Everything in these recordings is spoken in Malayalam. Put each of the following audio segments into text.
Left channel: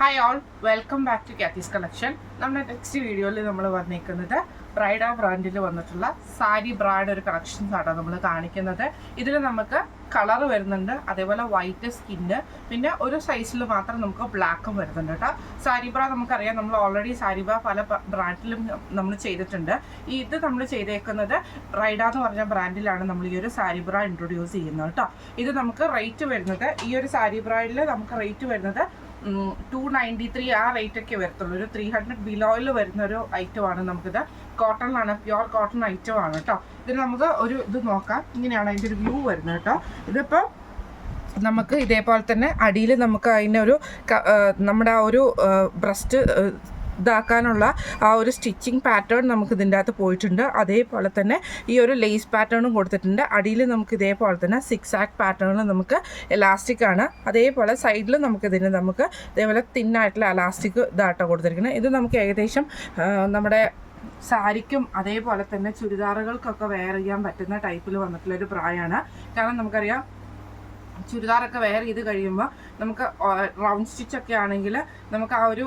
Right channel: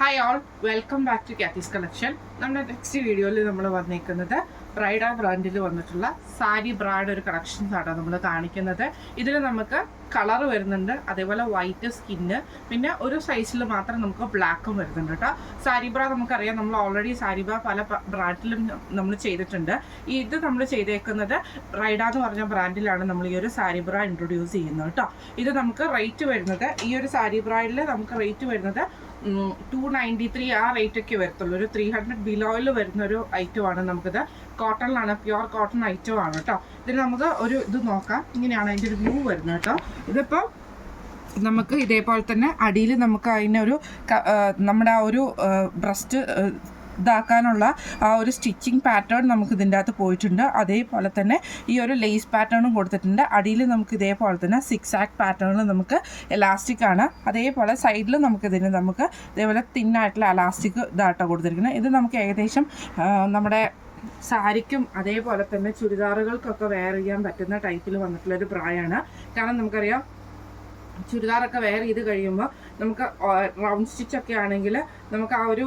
Hi all, welcome back to Kathy's collection. നമ്മുടെ നെക്സ്റ്റ് വീഡിയോയിൽ നമ്മൾ വന്നിരിക്കുന്നത് ബ്രൈഡ ബ്രാൻഡിൽ വന്നിട്ടുള്ള സാരി ബ്രാഡ് ഒരു കളക്ഷൻസ് ആണ് നമ്മൾ കാണിക്കുന്നത്. ഇതിൽ നമുക്ക് കളർ വരുന്നുണ്ട്, അതേപോലെ വൈറ്റ് സ്കിന്ന്, പിന്നെ ഒരു സൈസിൽ മാത്രം നമുക്ക് ബ്ലാക്കും വരുന്നുണ്ട് കേട്ടോ. സാരി ബ്ര നമുക്കറിയാം, നമ്മൾ ഓൾറെഡി സാരി ബ്ര പല ബ്രാൻഡിലും നമ്മൾ ചെയ്തിട്ടുണ്ട്. ഇത് നമ്മൾ ചെയ്തേക്കുന്നത് ബ്രൈഡ എന്ന് പറഞ്ഞ ബ്രാൻഡിലാണ് നമ്മൾ ഈ ഒരു സാരി ബ്ര ഇൻട്രൊഡ്യൂസ് ചെയ്യുന്നത് കേട്ടോ. ഇത് നമുക്ക് റേറ്റ് വരുന്നത്, ഈ ഒരു സാരി ബ്രാഡിൽ നമുക്ക് റേറ്റ് വരുന്നത് 293 ആ റേറ്റ് ഒക്കെ വരത്തുള്ളൂ. ഒരു 300 ബിലോയിൽ വരുന്ന ഒരു ഐറ്റമാണ്. നമുക്കിത് കോട്ടണിലാണ്, പ്യുവർ കോട്ടൺ ഐറ്റം ആണ് കേട്ടോ. ഇതിന് നമുക്ക് ഒരു ഇത് നോക്കാം. ഇങ്ങനെയാണ് അതിൻ്റെ ഒരു വ്യൂ വരുന്നത് കേട്ടോ. ഇതിപ്പോൾ നമുക്ക് ഇതേപോലെ തന്നെ അടിയിൽ നമുക്ക് അതിനൊരു നമ്മുടെ ആ ഒരു ബ്രസ്റ്റ് ഇതാക്കാനുള്ള ആ ഒരു സ്റ്റിച്ചിങ് പാറ്റേൺ നമുക്ക് ഇതിൻ്റെ അകത്ത് പോയിട്ടുണ്ട്. അതേപോലെ തന്നെ ഈ ഒരു ലേസ് പാറ്റേണും കൊടുത്തിട്ടുണ്ട്. അടിയിൽ നമുക്ക് ഇതേപോലെ തന്നെ 6 ആക്ട് പാറ്റേണിൽ നമുക്ക് എലാസ്റ്റിക് ആണ്. അതേപോലെ സൈഡിൽ നമുക്ക് ഇതേപോലെ തിന്നായിട്ടുള്ള എലാസ്റ്റിക് ഇതാട്ടോ കൊടുത്തിരിക്കുന്നത്. ഇത് നമുക്ക് ഏകദേശം നമ്മുടെ സാരിക്കും അതേപോലെ തന്നെ ചുരിദാറുകൾക്കൊക്കെ വെയർ ചെയ്യാൻ പറ്റുന്ന ടൈപ്പിൽ വന്നിട്ടുള്ളൊരു ബ്രായാണ്. കാരണം നമുക്കറിയാം, ചുരിദാറൊക്കെ വെയർ ചെയ്ത് കഴിയുമ്പോൾ നമുക്ക് റൗണ്ട് സ്റ്റിച്ചൊക്കെ ആണെങ്കിൽ നമുക്ക് ആ ഒരു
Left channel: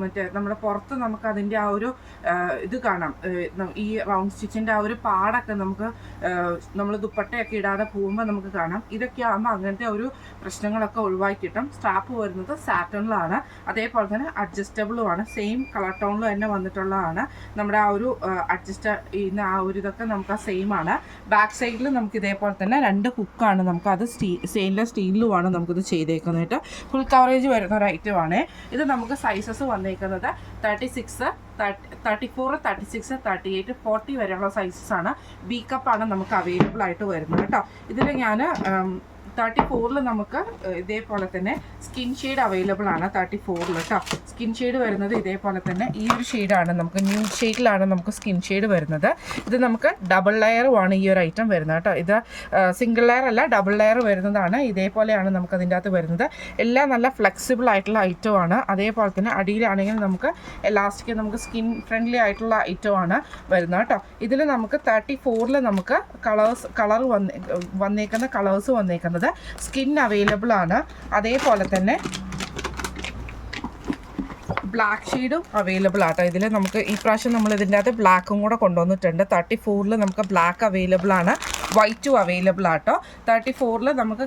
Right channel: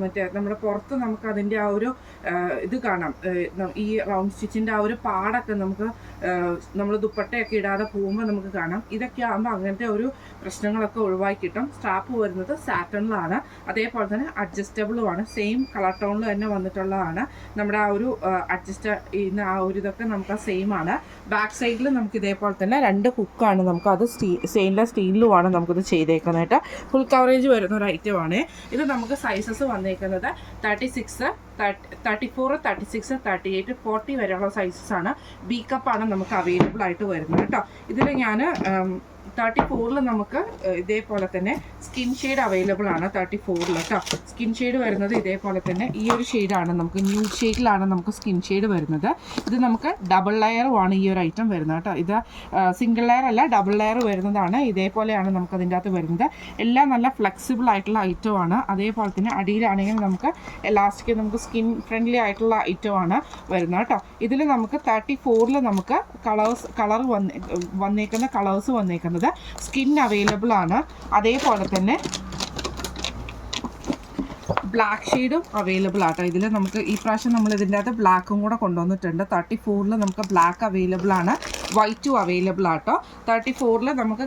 മറ്റേ നമ്മുടെ പുറത്ത് നമുക്ക് അതിൻ്റെ ആ ഒരു ഇത് കാണാം. ഈ റൗണ്ട് സ്റ്റിച്ചിൻ്റെ ആ ഒരു പാടൊക്കെ നമുക്ക് നമ്മൾ ദുപ്പട്ടയൊക്കെ ഇടാതെ പോകുമ്പോൾ നമുക്ക് കാണാം. ഇതൊക്കെ ആകുമ്പോൾ അങ്ങനത്തെ ഒരു പ്രശ്നങ്ങളൊക്കെ ഒഴിവാക്കി കിട്ടും. സ്ട്രാപ്പ് വരുന്നത് സാറ്റണിലാണ്, അതേപോലെ തന്നെ അഡ്ജസ്റ്റബിളുമാണ്. സെയിം കളർ ടോണിൽ തന്നെ വന്നിട്ടുള്ളതാണ്. നമ്മുടെ ആ ഒരു അഡ്ജസ്റ്റ് ചെയ്യുന്ന ആ ഒരു ഇതൊക്കെ നമുക്ക് സെയിം ആണ്. ബാക്ക് സൈഡിൽ നമുക്ക് ഇതേപോലെ തന്നെ 2 ഹുക്കാണ്. നമുക്കത് സ്റ്റെയിൻലെസ് സ്റ്റീലിലുമാണ് നമുക്കിത് ചെയ്തേക്കുന്നതായിട്ട്. ഫുൾ കവറേജ് വരുന്ന ഒരു ഐറ്റമാണ്. ഇത് നമുക്ക് സൈസസ് വന്നേക്കുന്നത് 36, 34, 36, 38, 40 വരെയുള്ള സൈസസ് ആണ്. ബി കപ്പാണ് നമുക്ക് അവൈലബിൾ ആയിട്ട് വരുന്നത് കേട്ടോ. ഇതിൽ ഞാൻ 34 നമുക്ക് ഇതേപോലെ തന്നെ സ്കിൻ ഷെയ്ഡ് അവൈലബിൾ ആണ്. 34 കേട്ടോ. സ്കിൻ ഷെയ്ഡ് വരുന്നത് ഇതേപോലെ തന്നെ ഈ ഒരു ഷെയ്ഡാണ്. നമുക്ക് ന്യൂഡ് ഷെയ്ഡിലാണ് നമുക്ക് സ്കിൻ ഷെയ്ഡ് വരുന്നത്. ഇത് നമുക്ക് ഡബിൾ ലെയറുമാണ് ഈ ഒരു ഐറ്റം വരുന്നത് കേട്ടോ. ഇത് സിംഗിൾ ലെയർ അല്ല, ഡബിൾ ലെയർ വരുന്നതാണ്. ഇതേപോലെയാണ് നമുക്ക് അതിൻ്റെ അകത്ത് വരുന്നത്. എല്ലാം നല്ല ഫ്ലെക്സിബിൾ ആയിട്ടുള്ള ഐറ്റമാണ്. അതേപോലെ തന്നെ അടിയിലാണെങ്കിൽ നമുക്ക് എലാസ്റ്റിക്, നമുക്ക് സ്കിൻ ഫ്രണ്ട്ലി ആയിട്ടുള്ള ഐറ്റമാണ് വരുന്നത് കേട്ടോ. ഇതിൽ നമുക്ക് 34 നമുക്ക് കളർ വന്നേക്കുന്ന കളേഴ്സ് വന്നേക്കുന്നത് സ്കിൻ അവൈലബിൾ ആണ്. അതേപോലെ തന്നെ ബ്ലാക്ക് ഷെയ്ഡും അവൈലബിൾ ആട്ടോ. ഇതിൽ നമുക്ക് ഈ പ്രാവശ്യം നമ്മൾ ഇതിൻ്റെ അകത്ത് ബ്ലാക്കും കൂടെ കൊണ്ടുവന്നിട്ടുണ്ട്. 34 നമുക്ക് ബ്ലാക്ക് അവൈലബിൾ ആണ്, വൈറ്റും അവൈലബിൾ ആട്ടോ. 34 നമുക്ക്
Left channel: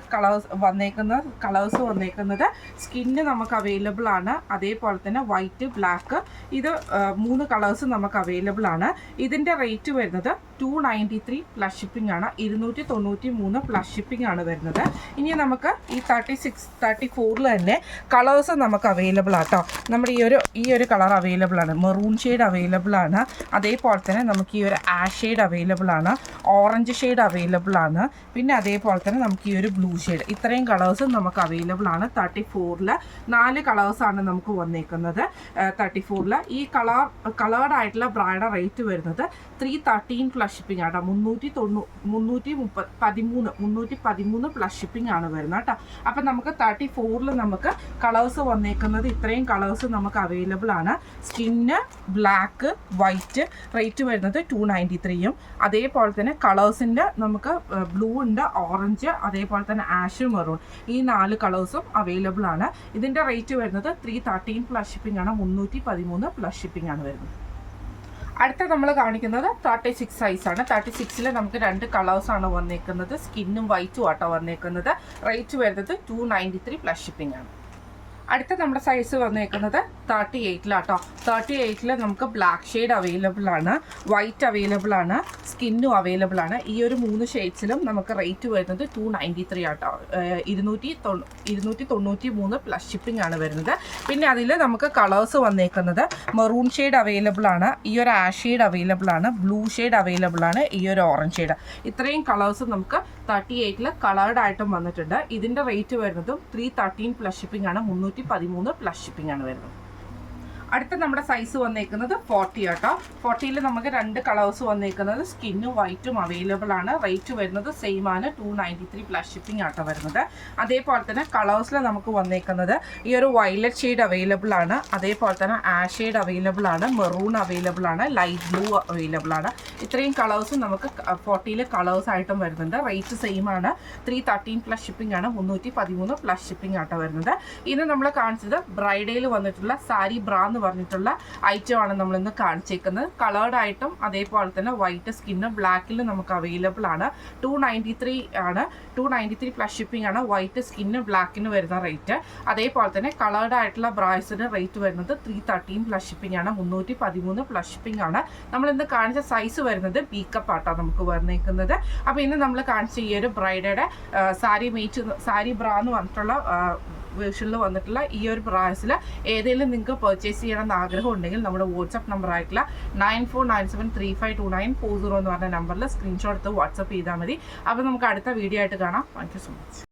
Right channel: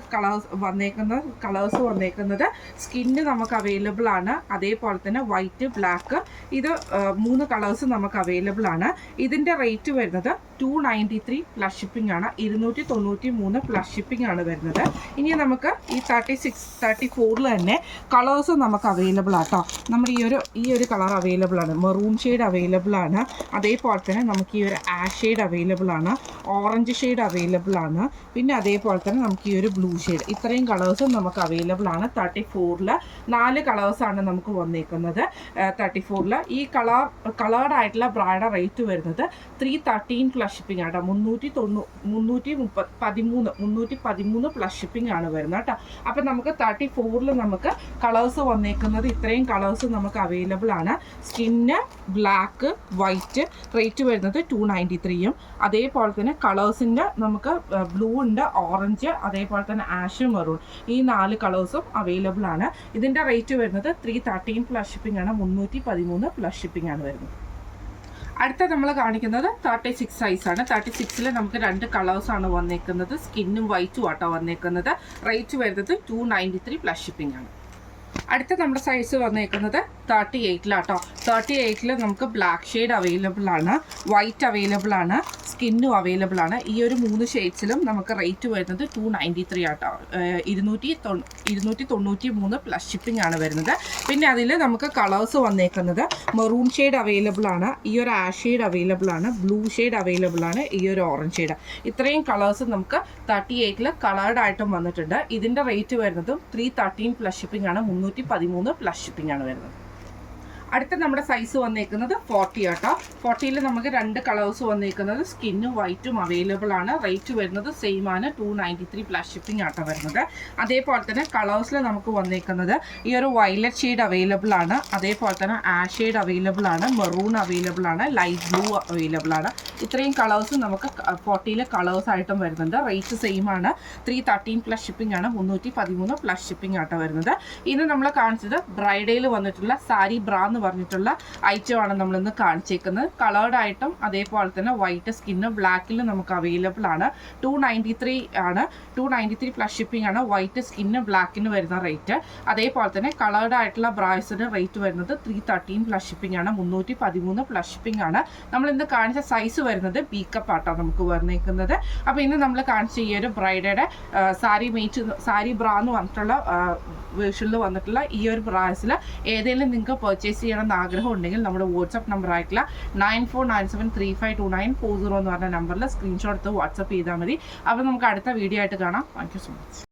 കളേഴ്സ് വന്നേക്കുന്നത് സ്കിന്ന് നമുക്ക് അവൈലബിൾ ആണ്. അതേപോലെ തന്നെ വൈറ്റ്, ബ്ലാക്ക്, ഇത് 3 കളേഴ്സ് നമുക്ക് അവൈലബിൾ ആണ്. ഇതിൻ്റെ റേറ്റ് വരുന്നത് 293 പ്ലസ് ഷിപ്പിംഗ് ആണ്. 293 പ്ലസ് ഷിപ്പിംഗ് ആണ് വരുന്നത്. ഇനി നമുക്ക് ഈ 34 തന്നെ കളേഴ്സ് നമുക്ക് അവൈലബിൾ ആട്ടോ. നമ്മുടെ ഈ ഒരു കളർ അവൈലബിൾ ആണ്, മെറൂൺ ഷെയ്ഡ് അവൈലബിൾ ആണ്. അതേപോലെ തന്നെ നമുക്ക് ഈ ഒരു ആഷ് ഷെയ്ഡ് അവൈലബിൾ ആണ്, ഓറഞ്ച് ഷെയ്ഡ് അവൈലബിൾ ആണ്, പിന്നെ അതേപോലെ തന്നെ നമുക്ക് ഈ ഒരു ബ്ലൂ ഷെയ്ഡ്. ഇത്രയും കളേഴ്സും നമുക്ക് അവൈലബിൾ ആണ്. 34 4 കളേഴ്സാണ് നമുക്ക് വന്നേക്കുന്നത്. 34 ഈ കളേർഡ് ആയിട്ടുള്ള ബ്രായുടെ റേറ്റ് വരുന്നത് 313 പ്ലസ് ഷിപ്പിംഗ് ആട്ടോ. 313 പ്ലസ് ഷിപ്പിംഗ് ആണ് വരുന്നത് കേട്ടോ. അപ്പം നമുക്ക് 34 നമുക്ക് കളേഴ്സ് വന്നേക്കുന്നത് ഇത്രയും കളേഴ്സ് നമുക്ക് അവൈലബിൾ ആണ്. സ്കിന്ന്, ബ്ലാക്ക്, വൈറ്റ്, റേറ്റ് വരുന്നത് 293. അതേപോലെ തന്നെ കളേഴ്സിൻ്റെ നമുക്ക് ബ്ലൂ ഉണ്ട്, ഓറഞ്ച്, അതേപോലെ തന്നെ ആഷ്, മെറൂൺ, ഈ 4 കളേഴ്സും അവൈലബിൾ ആണ്. ഇതിൻ്റെ റേറ്റ് വരുന്നത് 313 പ്ലസ് ഷിപ്പിംഗ് ആണ്. 313 പ്ലസ് ഷിപ്പിംഗ് ആണ് വരുന്നത്. അടുത്ത നമ്മൾ കാണിക്കുന്നത് 36 സൈസാണ്. 36 നമുക്ക് 2 കളേഴ്സാണ് വന്നേക്കുന്നത്. സ്കിന്നും വൈറ്റും ആട്ടോ വന്നേക്കുന്നത്. റേറ്റ് വരുന്നത് 293 പ്ലസ് ഷിപ്പിംഗ് ആണ്. അടുത്ത നമ്മുടെ സൈസ് വന്നേക്കുന്നത് 38 38 നമുക്ക് ബ്ലാക്ക് ഷെയ്ഡ് അവൈലബിൾ ആണ്, വൈറ്റ് അവൈലബിൾ ആണ്, സ്കിന്നും അവൈലബിൾ ആണ്. ഈ ഒരു 3 ഷെയ്ഡ്സിലും നമുക്ക് റേറ്റ് വരുന്നത് 293 ആട്ടോ. 293 പ്ലസ് ഷിപ്പിംഗ് ആണ് വരുന്നത്. പിന്നെ അതിൽ നമുക്ക് കളേഴ്സ് വന്നേക്കുന്നത് മെറൂൺ ഷെയ്ഡ് അവൈലബിൾ ആണ്, ഈ ഒരു ആഷ് ഷെയ്ഡ് അവൈലബിൾ ആണ്, ബ്ലൂ ഷെയ്ഡ് അവൈലബിൾ ആണ്, ഈ ഒരു ഓറഞ്ച് ഷെയ്ഡ്. ഇത്രയും കളേഴ്സ് നമുക്ക് 38 കളേർഡ് ആയിട്ടും വന്നിട്ടുണ്ട്. ഇതിൻ്റെ റേറ്റ് വരുന്നതും 313 പ്ലസ് ഷിപ്പിംഗ് ആണ്. 313 പ്ലസ് ഷിപ്പിംഗ് ആണ് വരുന്നത്. അടുത്ത നമ്മുടെ സൈസ് വന്നേക്കുന്നത് 40 കേട്ടോ. 40ൽ നമുക്ക് 2 കളേഴ്സ് വന്നേക്കുന്നത് സ്കിന്നും വൈറ്റും അവൈലബിൾ ആണ്. റേറ്റ് വരുന്നത് സെയിം ആണ്, 293 പ്ലസ് ഷിപ്പിംഗ് ആട്ടോ വരുന്നത്. അതേപോലെ തന്നെ കളേഴ്സിൽ നമുക്ക് വന്നേക്കുന്നത് ഈ ഒരു വയലറ്റ് ഷെയ്ഡ് അവൈലബിൾ ആണ്, അതേപോലെ തന്നെ ആഷ് ഷെയ്ഡ് അവൈലബിൾ ആണ്, മെറൂൺ അവൈലബിൾ ആണ്, ലൈറ്റ് ബ്ലൂ അവൈലബിൾ ആണ്. ഇത്രയും കളേഴ്സ് നമുക്ക് 40ൽ കളേഴ്സ് ആയിട്ടും വരുന്നുണ്ട്. റേറ്റ് സെയിം ആണ്, 313 പ്ലസ് ഷിപ്പിംഗ് ആണ്, 313 പ്ലസ് ഷിപ്പിംഗ് ആട്ടോ വരുന്നത്. ഇന്ന് നമ്മൾ കാണിച്ചത് ബ്രൈഡയിൽ വന്നിട്ടുള്ള സാരി ബ്രാ എന്ന് പറഞ്ഞിട്ടുള്ള ഐറ്റം ആണ് നമ്മളിന്ന് കാണിച്ചേക്കുന്നത്. കളേർഡ് ആയിട്ടും അതേപോലെ തന്നെ വൈറ്റ് സ്കിന്ന് ബ്ലാക്കിൽ നമുക്ക് അവൈലബിൾ ആണ്. 293 ആണ്, 293 പ്ലസ് ഷിപ്പിംഗ് ആണ്. വൈറ്റ് സ്കിന്ന് ബ്ലാക്കിന് വരുന്ന റേറ്റ്. അതേപോലെ തന്നെ കളേർഡ് ആയിട്ടുള്ള ബ്രാസിന് റേറ്റ് വരുന്നത് 313 പ്ലസ് ഷിപ്പിംഗ് ആണ്, 313 പ്ലസ് ഷിപ്പിംഗ് ആണ്. നമ്മളിന്ന് കാണിച്ച സൈസ് വരുന്നത് ബീക്കപ്പ് ആട്ടോ നമുക്ക് വന്നേക്കുന്നത്. അപ്പോൾ ഇന്ന് നമ്മൾ കാണിച്ച ഈ ഒരു ബ്രൈഡയുടെ സാരി ബ്രാ എന്ന് പറഞ്ഞിട്ടുള്ള വേർഷനിൽ വന്നിട്ടുള്ള ഈ ഒരു ബ്രാസിൽ ഏതെങ്കിലും നിങ്ങൾക്ക് പർച്ചേസ് ചെയ്യണമെന്ന് ആഗ്രഹം ഉണ്ടെങ്കിൽ നമ്മുടെ വാട്സപ്പ് നമ്പർ ആയിട്ടുള്ള 9497352940 എന്ന് പറഞ്ഞ നമ്പറിൽ സ്ക്രീൻഷോട്ട് എടുത്ത് വാട്സപ്പ് ചെയ്താൽ മതി. അപ്പോൾ നമുക്ക് അടുത്ത വീഡിയോ ആയിട്ട് കാണാം. Thank you so much.